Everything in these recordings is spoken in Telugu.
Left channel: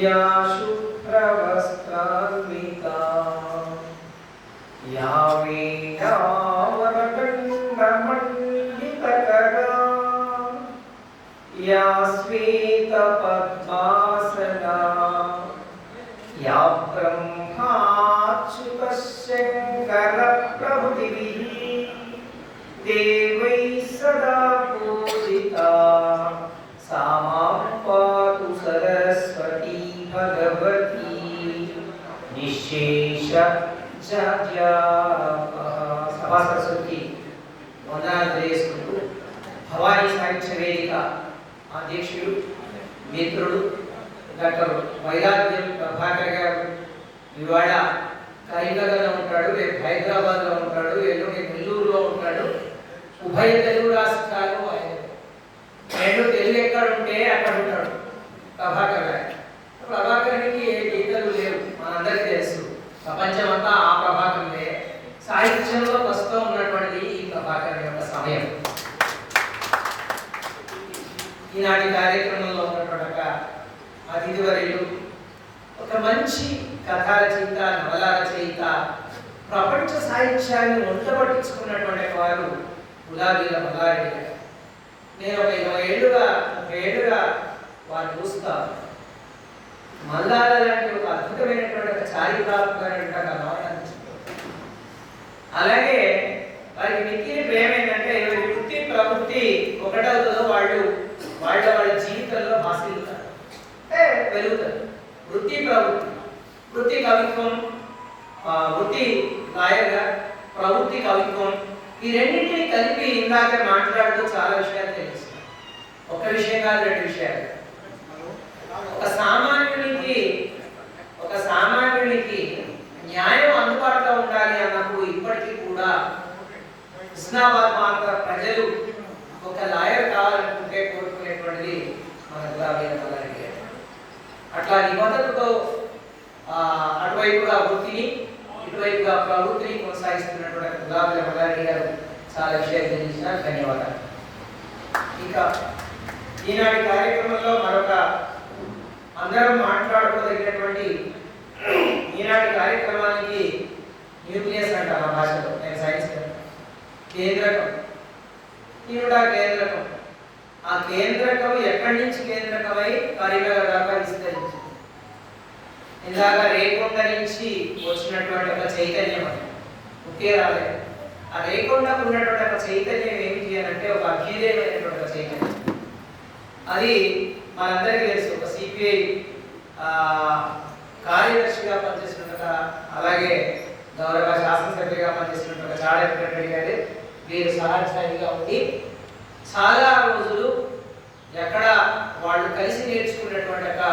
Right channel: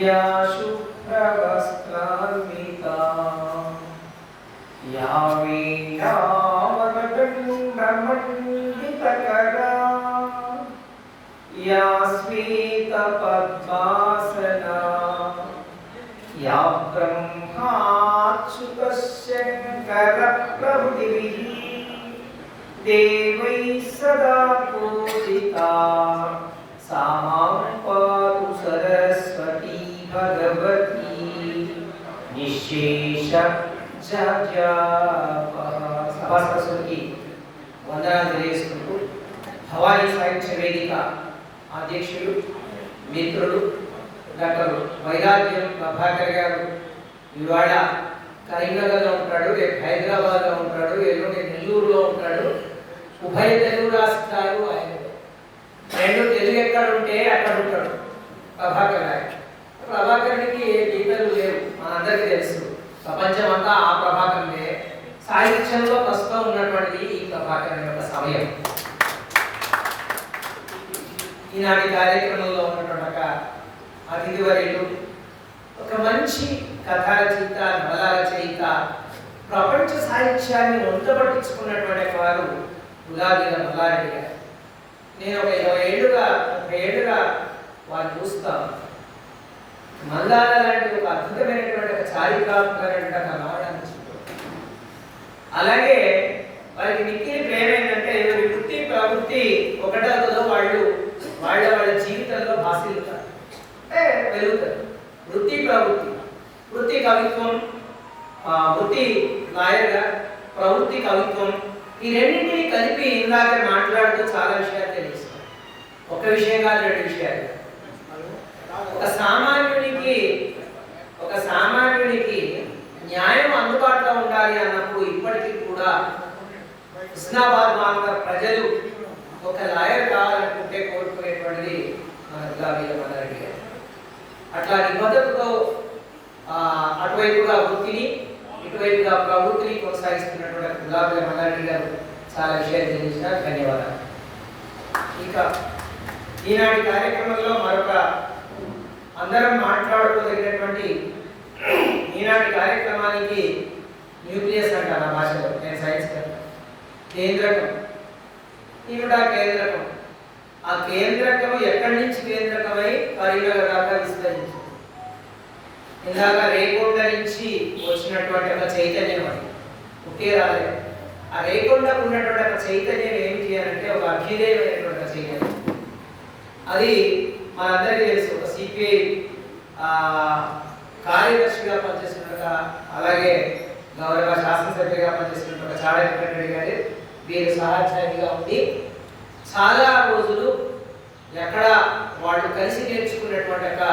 या शुभ्रवस्त्रान्विता या ब्रह्माच्युतशङ्करप्रभुभिः देवैः सदा సభా సరస్వతికి వందనాలు తెలియజేసుకుంటూ భవానీ సాహిత్య వేదిక అధ్యక్షుడు మిత్రుడు డాక్టర్ వైరాగ్యం ప్రభాకర్ గారు. ఇవాళ కరీంనగర్లో ఉంటాడు రేపు హైదరాబాద్లో ఉంటాడు ఎల్లుండి నెల్లూరులో ఉంటాడు. ఉభయ తెలుగు రాష్ట్రాలు ఆయన నేను తెలుగు ఎక్కడ ఉంటే అక్కడ ఉంటాడు. ప్రభాకర్ నాయక్ ప్రభాకరునికి ఏ గీతలు లేవు మనందరికీ తెలుసు. ప్రపంచం అంతా ఆ ప్రభాకరులే సాహిత్యంలో ప్రస్తుతం ఉన్నటువంటిది ఈ ప్రభాకర్ యొక్క సమయం. ఈనాటి కార్యక్రమంలో ఉన్నటువంటి అతిథి వర్యులు ఒక మంచి కథా రచయిత నవల రచయిత ప్రపంచ సాహిత్యాన్ని ఒంటబట్టించుకున్నటువంటి వారు గులాబీల మల్లారెడ్డి గారు. నేను ఒక ఇరవై ఏళ్ళుగా ముప్పై ఏళ్ళుగా వారిని చూస్తాను మల్లాల లాంటి ఒక అద్భుతమైనటువంటి ఒక చారిత్రాత్మకమైన ఒక అలాగే వారికి మిక్కిలి ప్రేమ ఏంటంటే ఎవరి వృత్తి ప్రవృత్తి ఒకటవుతుందో వాళ్ళు వాళ్ళ వాళ్ళ జీవితంలో భాషిల్లుతారు అంటే పెరుగుతారు వృత్తి ప్రవృత్తి. వృత్తి కవిత్వం వృత్తి లాయర్గా ప్రవృత్తి కవిత్వం ఈ రెండింటిని కలిపి ఇందాక మాట్లాడుతూ చాలా విషయాలు తెలుస్తాయి ఒక విషయం కాదు రెండు విషయాలు ఒక సామాన్యునికి ఒక సామాన్యునికి న్యాయం అందుబాటులో ఉండాలి అన్నప్పుడు ఇప్పటికీ కూడా హుస్నాబాద్ మార్గ ప్రజలు ఒక లాయర్ కావాలనుకుంటే కోరుకునేటువంటిది మన గులాబీ మల్లారెడ్డి గారు అట్లా నిబద్ధతతో ఆ, అటువైపుగా వృత్తిని ఇటువైపుగా ప్రవృత్తిని కొనసాగిస్తున్నటువంటి గులాబీ మల్లారెడ్డి గారు చాలా విషయాలు తెలియజేసిన ధన్యవాదాలు. ఇక ఈనాటి కార్యక్రమంలో మరొక అందరం మాట్లాడుకోదగినటువంటి ఈనాటి కార్యక్రమానికి న్యూక్లియస్ అంటారు ఆ భాషలో. నేను సైన్స్ కేంద్రకం. ఈవిడ కేంద్రకం. ఆ కేంద్రకం ఎక్కడి నుంచి కేంద్రకమై కరీంనగర్ దాకా విస్తరించింది? ఇందాక రేకొండ నుంచి వచ్చినటువంటి ఒక చైతన్యం అది. ఒకే రాలేదు ఆ రేకొండకు ఉన్నటువంటి ఒక చైతన్యం ఏమిటి అని అంటే ఒక అభ్యుదయమైనటువంటి ఒక చైతన్యం. అది మనందరికీ తెలుసు ఒక సిపిఐ కార్యదర్శిగా పనిచేస్తున్న అలాగే గౌరవ శాసనసభ్యుగా పనిచేస్తున్న చాడ వెంకటరెడ్డి గారు వీరు సహాధ్యాయుడిగా ఉండి చాలా రోజులు ఎక్కడ వాళ్ళు కలిసి నేర్చుకున్నటువంటి ఒక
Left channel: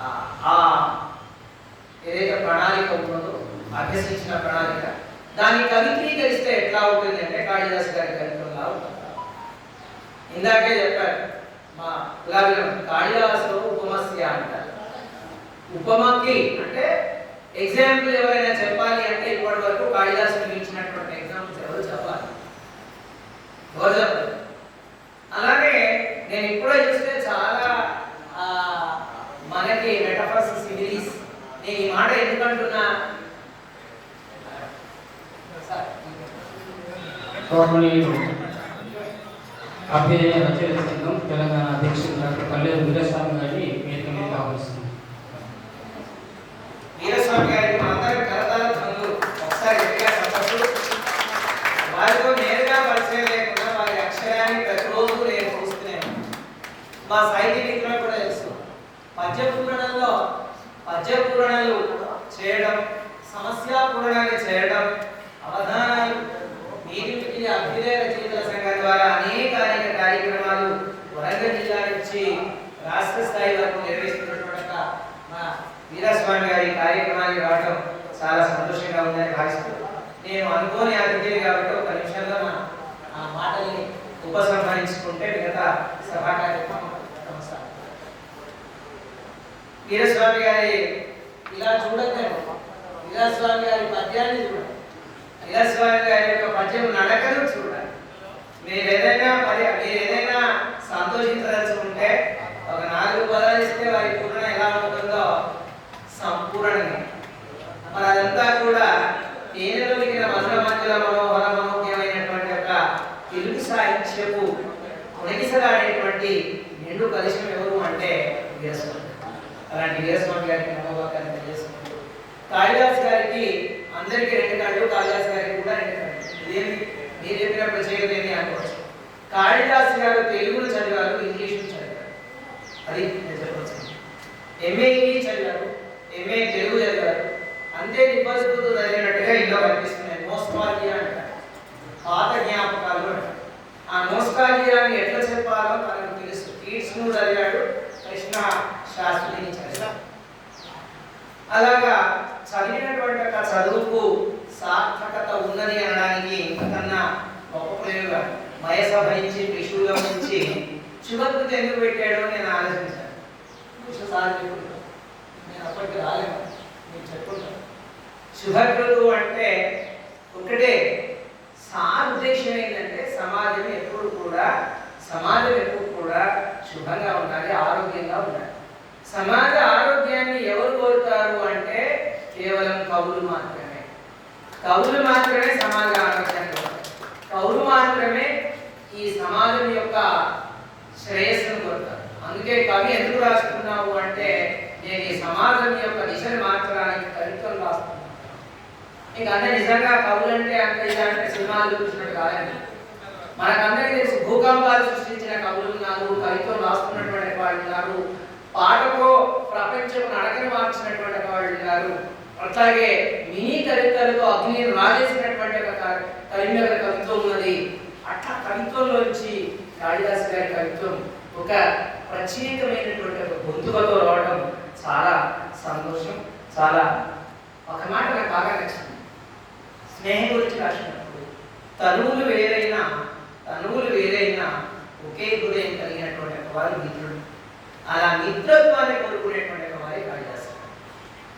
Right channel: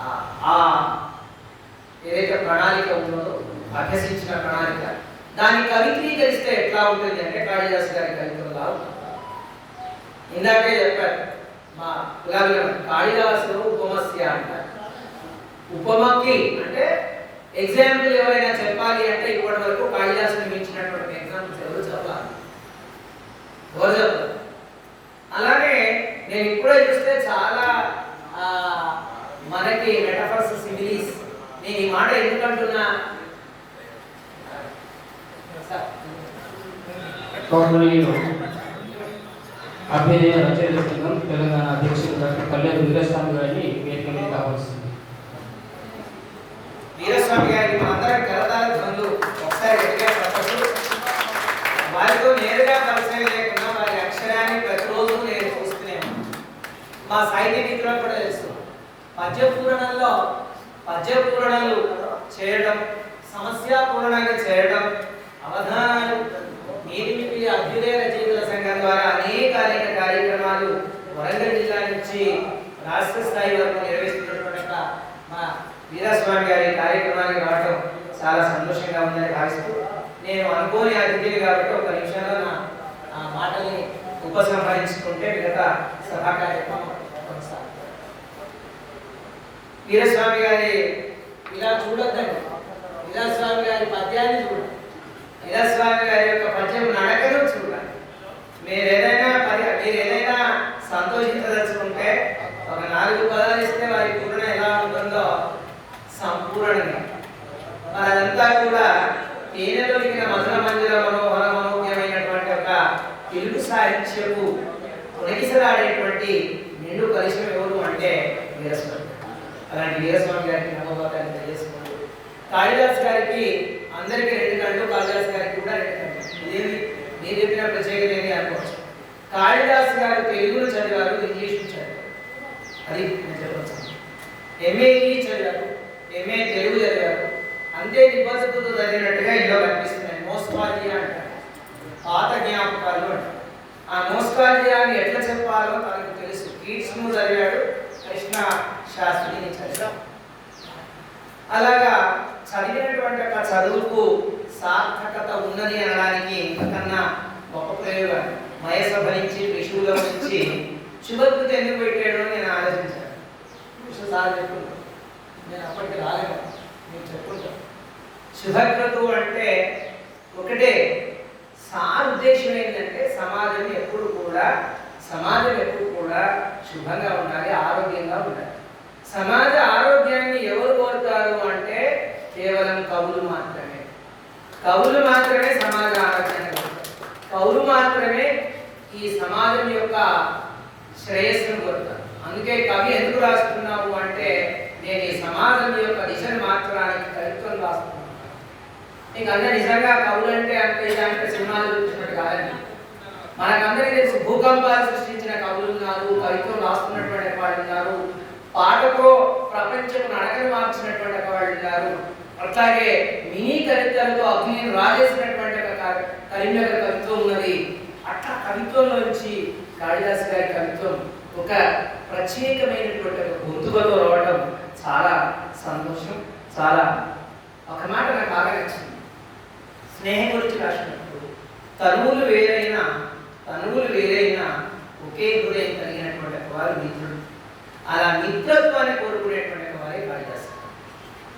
ఆ- ఏదైతే ప్రణాళిక ఉన్నదో అభ్యసించిన ప్రణాళిక. దాన్ని కవిత్రీకరిస్తే ఎట్లా ఉంటుంది అంటే కాళిదాస్ గారి కవిత్వంలా ఉంటుంది. ఇందాకే చెప్పారు మా గులాబీ కాళిదాసు ఉపమస్య అంటారు. ఉపమకి అంటే ఎగ్జాంపుల్ ఎవరైనా చెప్పాలి అంటే ఇప్పటి వరకు కాళిదాసుని మించినటువంటి ఎగ్జాంపుల్స్ ఎవరు చెప్పాలి? ఎవరు చెప్పాలి అలాగే నేను ఇప్పుడే చూస్తే చాలా ఆ, మనకి మెటఫర్స్ నేను ఈ మాట ఎందుకంటున్నా గౌరవనీయులు అభ్యయ రచయిత తెలంగాణ అధ్యక్షులు డాక్టర్ కళ్యాణ్ వీరస్వామి గారిని వేదిక మీద కావాల్సింది వీరస్వామి గారికి మనందరం కలదాల ధ్వనులు ఒకసారి గట్టిగా చెప్పచ్చు వారితో నేరుగా పరిచయం లేకుండా వారి అక్షరాన్ని ప్రతిరోజు నేను చూస్తూనే ఉన్నాను. మా సాహిత్య మిత్రులకు కూడా తెలుసు పద్య పూరణంలో పద్య పూరణలు చేయడం సమస్య పూరణాన్ని చేయడం అవధానాలు నీతిమితి అభ్యుదయ రచయితల సంఘం ద్వారా అనేక అనేక కార్యక్రమాలు వరంగల్ జిల్లా నుంచి రాష్ట్ర స్థాయి వరకు నిర్వహిస్తున్నటువంటి ఒక మా వీరస్వామి గారి కార్యక్రమానికి రావడం చాలా సంతోషంగా ఉందని భావిస్తూ నేను అనుకోని అతిథిని కాబట్టి ఒక నిమిషంలో నా మాటల్ని ఉపసంహరించుకుంటే మిగతా సభా కార్యక్రమం కొనసాగుతుంది. వీరస్వామి గారి ఇలా చూడొద్దండి. వీరస్వామి గారి పద్యాన్ని చూడండి. వీరస్వామి గారి యొక్క పద్యం నడకను చూడాలి మీరు ఏదైనా పది మీరు ఏదైనా సంతోషించదలుచుకుంటే ఒక నాలుగు పదాలు ఇస్తే వారి పూర్ణ ఎలా ఉంటుందో సంపూర్ణంగా మరి అదంతా కూడా తేనెలో కశ్యపు ఉనగిసలాడేటువంటి నిండు కలిసిన ఎవరు అంటే వీరస్వామి అలాంటి వీరస్వామి గారికి నమ్మకాన్ని తెలియజేస్తున్నారు కాళిదాస్ గారికి అందరికీ రెండు కళ్ళు కాళిదాస్ గారికి కూడా రెండు కళ్ళు. ఇదేమి మీరు చెప్పిన ప్రత్యేకత ఏది అనుకోవచ్చు. కాళిదాస్ గారు తెలుగును చదివారు ఇంగ్లీష్ చదివారు. అది నేను చెప్పవచ్చు ఎంఏ ఇంగ్లీష్ చదివారు ఎంఏ తెలుగు చదివారు. అంతే నిబ్బసతుతో చదివినట్టుగా ఇలా కనిపిస్తున్నాయి. నోస్టాలజియా అంటారు. పాత జ్ఞాపకాలు అంటారు. ఆ నోస్టాలజియాని ఎట్లా చెప్పాలో తనకు తెలుసు. కీట్స్ను చదివాడు కృష్ణ శాస్త్రిని చదివాడు అలాగా చదివినటువంటి ఒక చదువుకు సార్థకత ఉన్నది అనడానికి ఇంతకన్నా గొప్ప ప్రయోగం. మయసభ నుంచి త్రిశూలం నుంచి శుభకృతి ఎందుకు పెట్టాడో నేను ఆలోచించాను. విష్ణు సార్ చెప్పుకుంటాను నేను అప్పటికి రాలేను. నేను చెప్పుకుంటాను. శుభకృతు అంటే ఒకటే సార్ ఉద్దేశం ఏంటంటే సమాజం ఎప్పుడు కూడా సమాజం ఎప్పుడు కూడా శుభంగా ఉండాలి ఆరోగ్యంగా ఉండాలి. సమాజ ఆరోగ్యాన్ని ఎవరు కోరుతారు అంటే కేవలం కవులు మాత్రమే. కవులు మాత్రమే సమాజ ఆరోగ్యాన్ని కోరుతారు. కవులు మాత్రమే ఈ సమాజం యొక్క శ్రేయస్సును కోరుతారు. అందుకే కవి ఎందుకు రాసుకున్నావు అంటే నేను ఈ సమాజం యొక్క దిశను మార్చడానికి కవిత్వం రాస్తున్నాను ఇంకా అందరూ నిజంగా కవులు అంటే అంటే ఇలాంటి సినిమాలు చూసినట్టు కాదండి. మనకందరికీ తెలిసి భూకంపాలు సృష్టించిన కవులు ఉన్నారు కవిత్వం రాస్తున్నటువంటి వాళ్ళు ఉన్నారు పాటతో ప్రపంచం నడకను మార్చినటువంటి వాళ్ళు ఉన్నారు. అట్లాగే మినీ కవితలతో అగ్నిని రాజేసినటువంటి ఒక కరీంనగర్ కవిత్వం ఉన్నది. అట్లా కవిత్వంలోంచి కాళిదాస్ గారి కవిత్వం ఒక ప్రత్యేకమైనటువంటి ఒక గొంతుకతో రావడం చాలా సంతోషం చాలా ఒక మాట నాకు బాగా నచ్చింది. స్నేహం గురించి రాసినప్పుడు తనువులు వేరైనా తనువులు వేరైనా ఒకే హృదయం కలిగినటువంటి వారు మిత్రుడు అలా మిత్రత్వాన్ని కోరుకునేటువంటి వారే కాళిదాసు.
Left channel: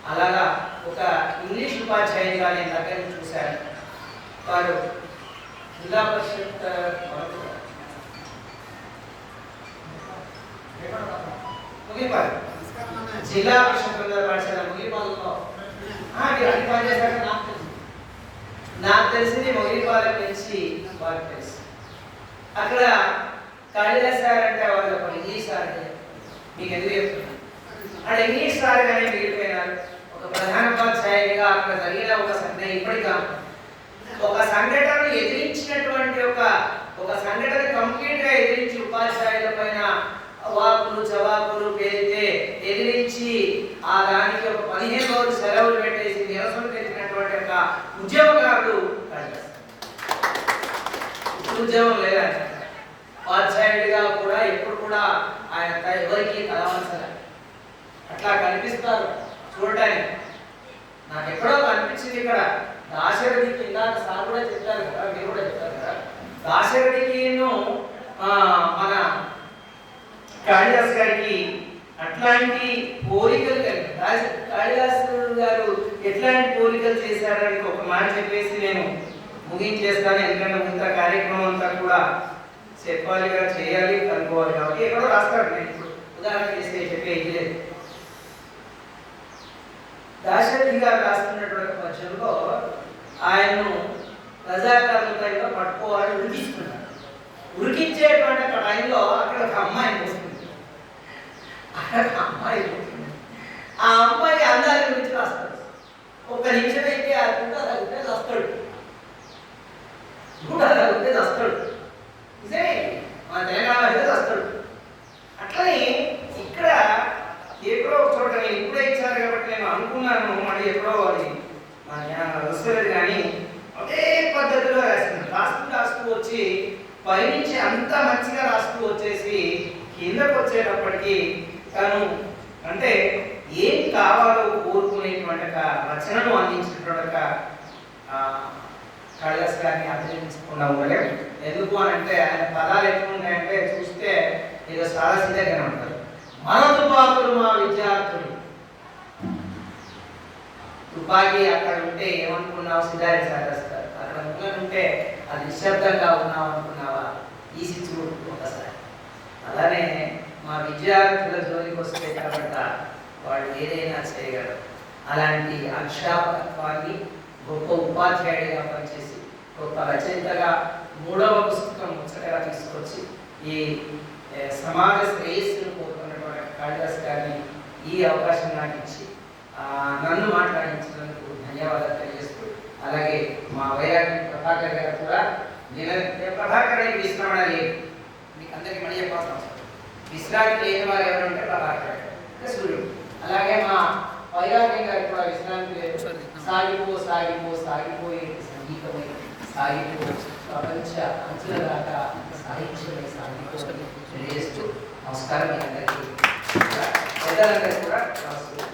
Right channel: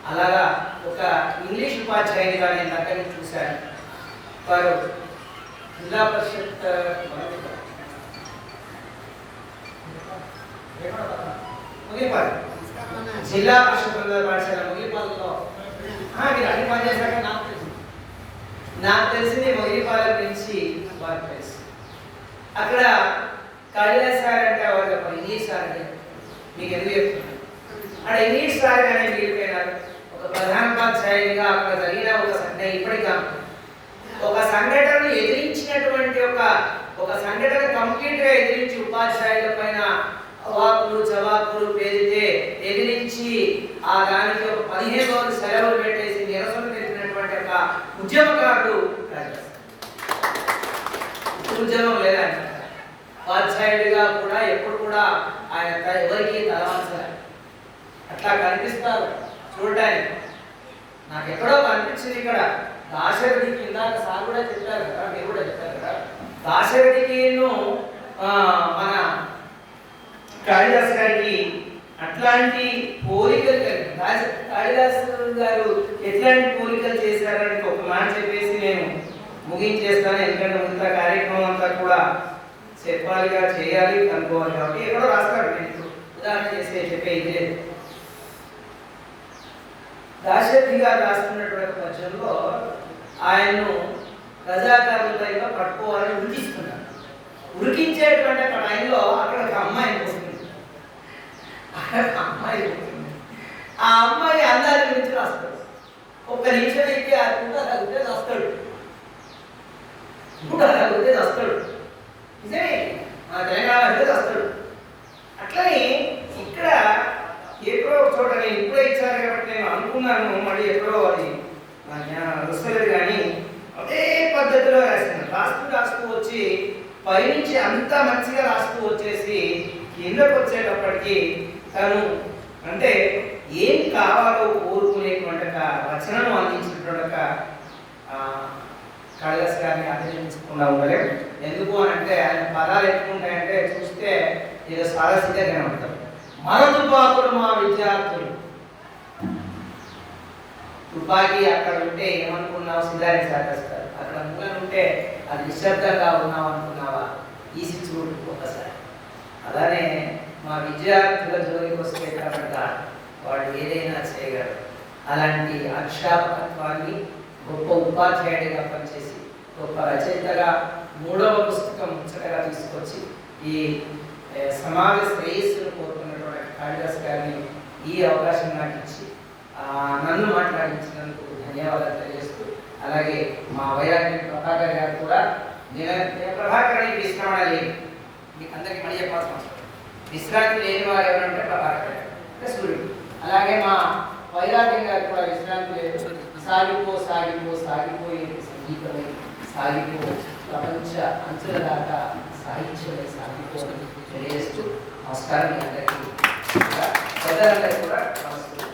అలాగా ఒక ఇంగ్లీష్ ఉపాధ్యాయుగా నేను దగ్గర చూశాను. వారు జిల్లా పరిషత్ ముగిపాలి. జిల్లా పరిషత్ పాఠశాల? ముగిపాలలో మీరు అన్ని పని నాకు తెలుసు. నాకు తెలిసింది మొగిలిపాలెం నుంచి వారికి అక్కడ కాళిదాస్ సార్ అంటే వాళ్ళు ఒక ఇంగ్లీష్ సార్ అంటే మీకు ఎందుకు చెప్తున్నాను అక్కడ ఇంగ్లీష్ సార్ కానీ వెళ్ళిపోయినారు ఒక ప్రధానోపాధ్యాయుడిగా అక్కడ జరిగిన ఒక సంఘటన ఇప్పటికా ఒక సంఘటనను ఎదిరించినటువంటి ఒక ఒక సంఘటన కంప్లీట్గా ఎదిరించి ఉపాధ్యాయుల పైన వాకులు జవాకులు పేరితే ఎదిరించి ఆ దానికి ఒక పదిహేను రోజులు సెలవులు పెట్టేసి నిరసన తెలిపినటువంటి ఒక ఉద్యమకారుడు ఉద్యోగం లేదని లేదా ఉపాధ్యాయుడిగా కూడా ఎప్పుడు కూడా ఆయన త- ఎవరికి తలవంచాలి అట్లా కనిపిస్తారు చూడటానికి. నాకు ఎక్కడో కనిపించింది ఇక్కడ. దాశరథికి ఇందాక సార్ కూడా చెప్పారు కదా మీరు కూడా చెప్పారు కదా. దాశరథికిను మన కాళిదాస్ గారికి అట్లాంటి పోలికలు కలిగి కాళిదాస్ గారు ఎట్లాంటి పోలికలు చేశారని ఒక మాట చెప్పేసి నేను ముగించేస్తాను. ఎందుకంటే మిగతా కార్యక్రమం అంతా కూడా చెప్పాలిగా చేయాలి కనుక్కోవాలి కాబట్టి ఎక్కడో రాస్తాడు నేను ఉదాహరణ చేస్తే చెప్పేది లేదు దాశరథి గారు రాస్తున్నటువంటి పక్షంలో ఆయన్ను ప్రజాకారులపై పట్టుకోవాలని ఉరికిస్తున్నాడు ఉరికించేటువంటి అక్కడ టైంలో అక్కడ ఒక అమ్మాయి వస్తుంది. అక్కడ అమ్మాయి వస్తుంది. ఆ అమ్మాయి అందాల గురించి రాస్తాడు. ఒక్క నిమిషం అయితే ఆ గుంట తగ్గితే వస్తాడు గుంట తగ్గితే వస్తాడు నిజమే మన తెలంగాణ అయితే వస్తాడు అట్లనే ఇక్కడ ఎప్పుడో ఒక చోట నేను ఇప్పుడే ఇచ్చారు కాబట్టి నేను అనుకున్నాను మళ్ళీ ఎప్పుడో అది నా జ్ఞానం వస్తలేదు కానీ అదే పద్ధతిలో రాసింది రాస్తూ రాస్తూ వచ్చి పైనుంచి అంత రాస్తూ వచ్చేసి కిందకు వచ్చేటప్పటికి తను అంటే ఏం కావాలో కోరుకునేటువంటి రచనను అందించినటువంటి ఒక గారిని అభినందించకుండా ఉండలేం. ఎందుకు అని అంటే ఆయన పదాలు ఎట్లుంటాయంటే చూస్తే ఏదో చాలా సిద్ధంగా ఉంటారు మన తుపాకులు మా విద్యార్థులు. తుపాకీ అక్కడ ఉంటే ఏమనుకున్నావు? సిద్ధారి సాగేస్తారు. అక్కడ ఉంటే అది నిశ్శబ్దంగా ఉన్నావు అనుకున్నావా ఈసి చూడు ఒకసారి అలానే మా విద్యార్థుల జోలికి వస్తే కనుక వాళ్ళు ఏదైనా చేయగలరు. అలాంటి అక్షాపకత్వాన్ని గొప్ప ఉపాధ్యాయుడిగా పనిచేసి గొప్ప రచయితగా మూడవ పుస్తకం ముచ్చటగా తీసుకొచ్చి ఈ సమాజ శ్రేయస్సును కోరుకున్నటువంటి కాళిదాస్ గారిని ఈ అవకాశం నాకు ఇచ్చి నన్ను మాట్లాడించినందుకు ధన్యవాదాలు తెలియజేస్తూ అలాగే మా వైరాగ్య ప్రభాకర్ గారు కూడా నేను నేను లేదు మీకు అందరికీ మళ్ళీ చెప్పాల్సిన అవసరం విశ్రాంతి లేని వారు ఎవరంటే ప్రభాకర్. సూర్యుడు. అలాగే మా వైరాగ్యం గారు కూడా విశ్రాంతి లేదు. సాగిపో సాగిపో సాగిపోయే సంగీతమై సాగిపో. ప్రపంచ అంచుల దాకా సాహిత్యమై సాగిపో తెలియజేస్తూ నమస్కారం మీ అందరికీ. పెద్దలందరికీ కూడా నమస్కారం